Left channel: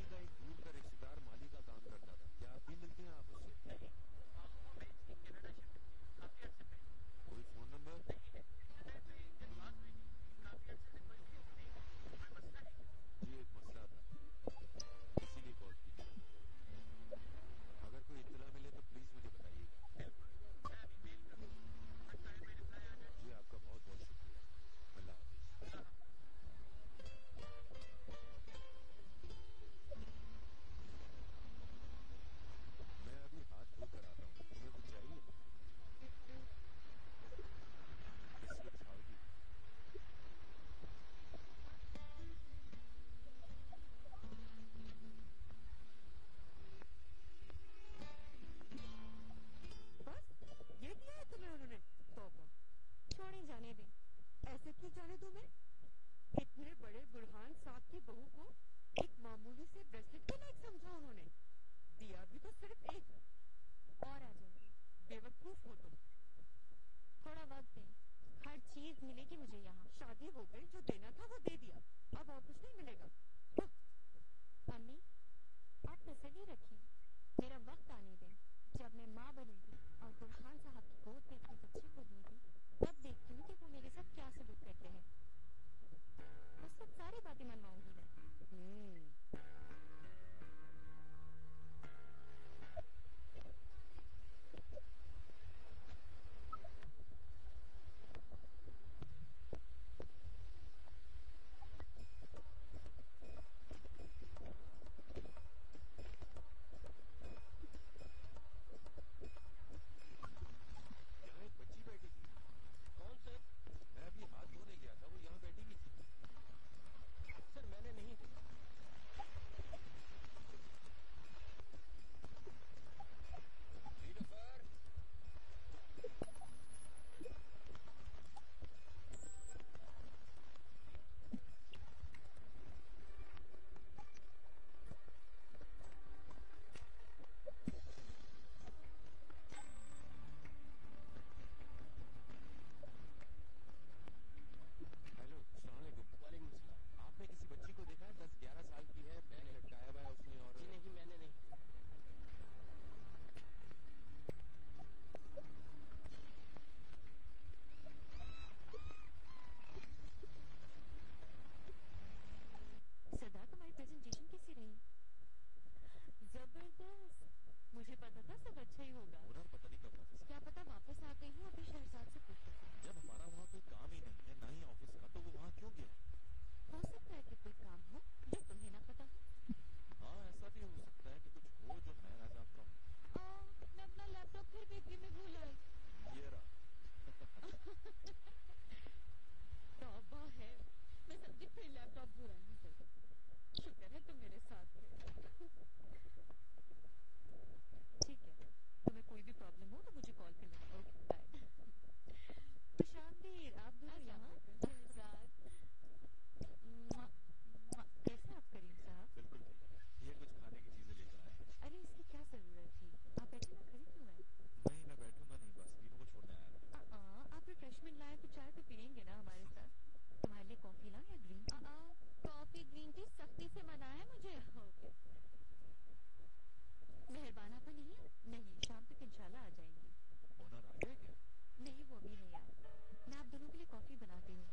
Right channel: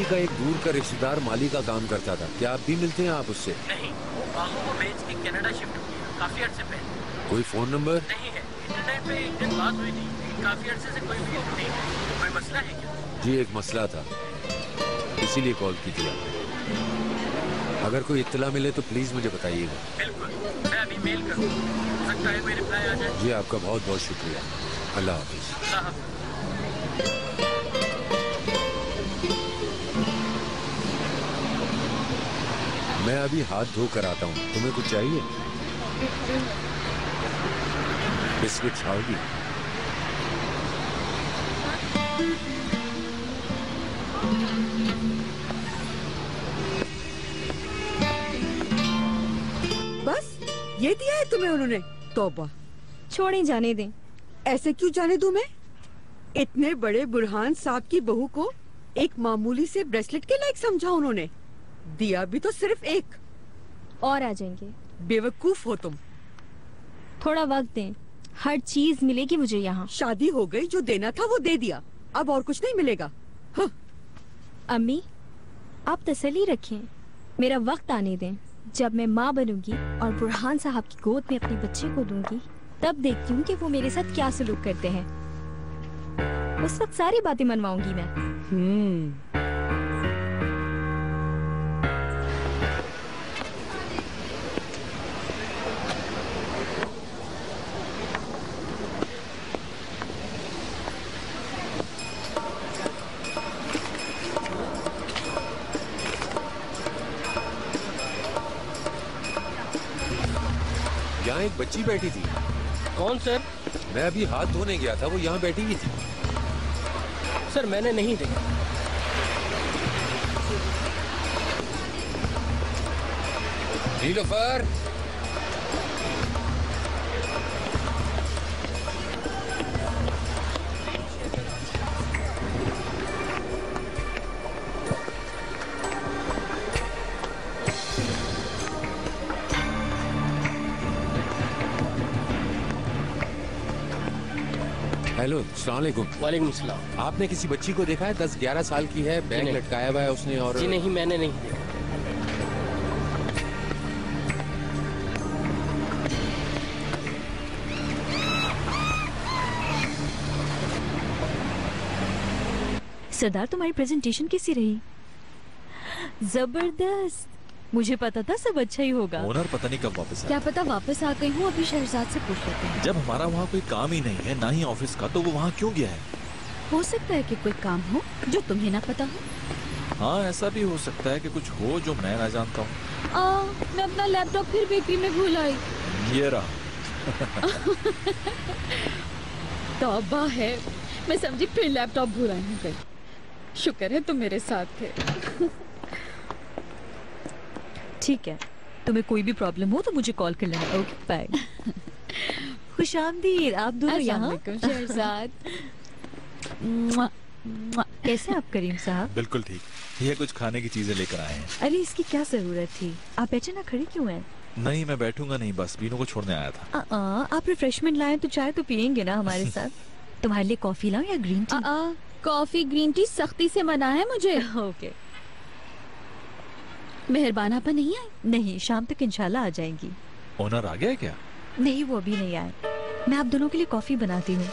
माली का एक दूर का रिश्तेदार माली का काम करता था, क्या आप भी मिलते हैं आप उससे? नहीं, वो बाहू को बेच के कनाडा शिफ्ट हो गया काफी अर्से पहले। कोई फोन नंबर? नहीं है, इंटरनेट पे एक दिन बात हुई थी, काफी अर्से से कोई फोन नहीं है। कोई मसला है क्या? जी एक मसला था, इसीलिए कॉल की थी आपने। अगर कोई इत्तला मिले तो प्लीज मुझे बताइएगा। बिल्कुल, मैं अभी मेल करूँगा, हो सकता है कोई रिप्लाई आ जाए। जी आपका बहुत बहुत शुक्रिया। अल्लाह हाफिज। अल्लाह हाफिज। मैं अभी हाथ धो कर आता हूँ, तुम्हें कुछ चाहिए? बिस्किट खाओगी? बस ये दिया है तुम्हें उन्होंने? तौबा। छोड़ें, जाने दें। ऐसे क्यों जाने दूं मैं? इतने बड़े बुरहान साहब की बहू को एक मामूली से ब्रेसलेट के लायक समझा उन्होंने। दिया भी तो सिर्फ एक। और आ जाएंगे। बेवकूफ हो तुम। थोड़ा वक्त दें, हर चीज मिलेगी मुझे यहाँ। शादी हो गई, जो देना था वो दे दिया, अब और कुछ नहीं मिलेगा। हाँ। अम्मी, आप तसल्ली रखें, मेरा वक्त आने दें। जब मैं माँ बनूंगी और बुरहान साहब की गोद में अपने बच्चे को दूंगी, तब देखती हूँ कि वो मेरे साथ क्या सलूक करते हैं। उस वक्त सारी बातें मनवाऊंगी मैं। यहाँ एक बच्ची बैठी थी। कौन सर? मैं अभी हाथ धोने गया था, वो यहाँ बैठी हुई थी। सर मैंने नहीं देखा। नीलोफर, हेलो, अस्सलाम वालेकुम। वालेकुम सलाम। आपने किसी बच्ची को देखा है? 10-11 साल की है, बैग लटकाया हुआ है उसने। और जी नहीं, मैंने नहीं देखा। सरदार, तुम्हारी प्रेजेंटेशन कैसी रही? जबरदस्त। मुझे पता था सब अच्छा ही होगा। ओनर पता नहीं कब वापस आए। क्या पता वापस आ गई हूँ। अभी शहजाद से पूछ लेते हैं। जब हमारा वहाँ कोई काम ही नहीं है, ना ही ऑफिस का, तो वो वहाँ क्यों गया है? हो सकता है कि कोई काम हो जो तुम्हें ना पता हो। हाँ, ऐसा भी हो सकता है कि कुछ हो जो मैं ना जानता हूँ। मैं अपना लैपटॉप फिर बेकरी में भूल आई। ये रहा। तौबा है, मैं समझी फिर लैपटॉप भूल आई हूँ। शुक्र है तुम मेरे साथ थे। ठीक है, तुम्हें कोई भी प्रॉब्लम हो तो मुझे कॉल कर लेना। Okay, bye. खुशामदीद, आप दोनों यहाँ। शहजाद। कैसे आप करीम साहब? बिल्कुल ठीक। ये कुछ खाने की चीजें लेकर आए हैं। अरे इसकी क्या जरूरत थी? आप बैठे ना, खड़ी क्यों हैं? नहीं, मैं बैठूंगा नहीं, बस बीनू को छोड़ने आया था। आप रिफ्रेशमेंट लाए तो चाय तो पियेंगे ना हमारे साथ। तुम्हारे लिए कॉफी लाऊं या green tea? Coffee green tea सख्ती से मना है मुझे। ओके। मेहरबान आपा नहीं आए? नहीं, शाम तक इंशाल्लाह आ जाएंगी। ओनर आ गया क्या? नहीं, वो अभी नहीं आए। मैं आप दोनों के लिए कॉफी बनाती हूँ।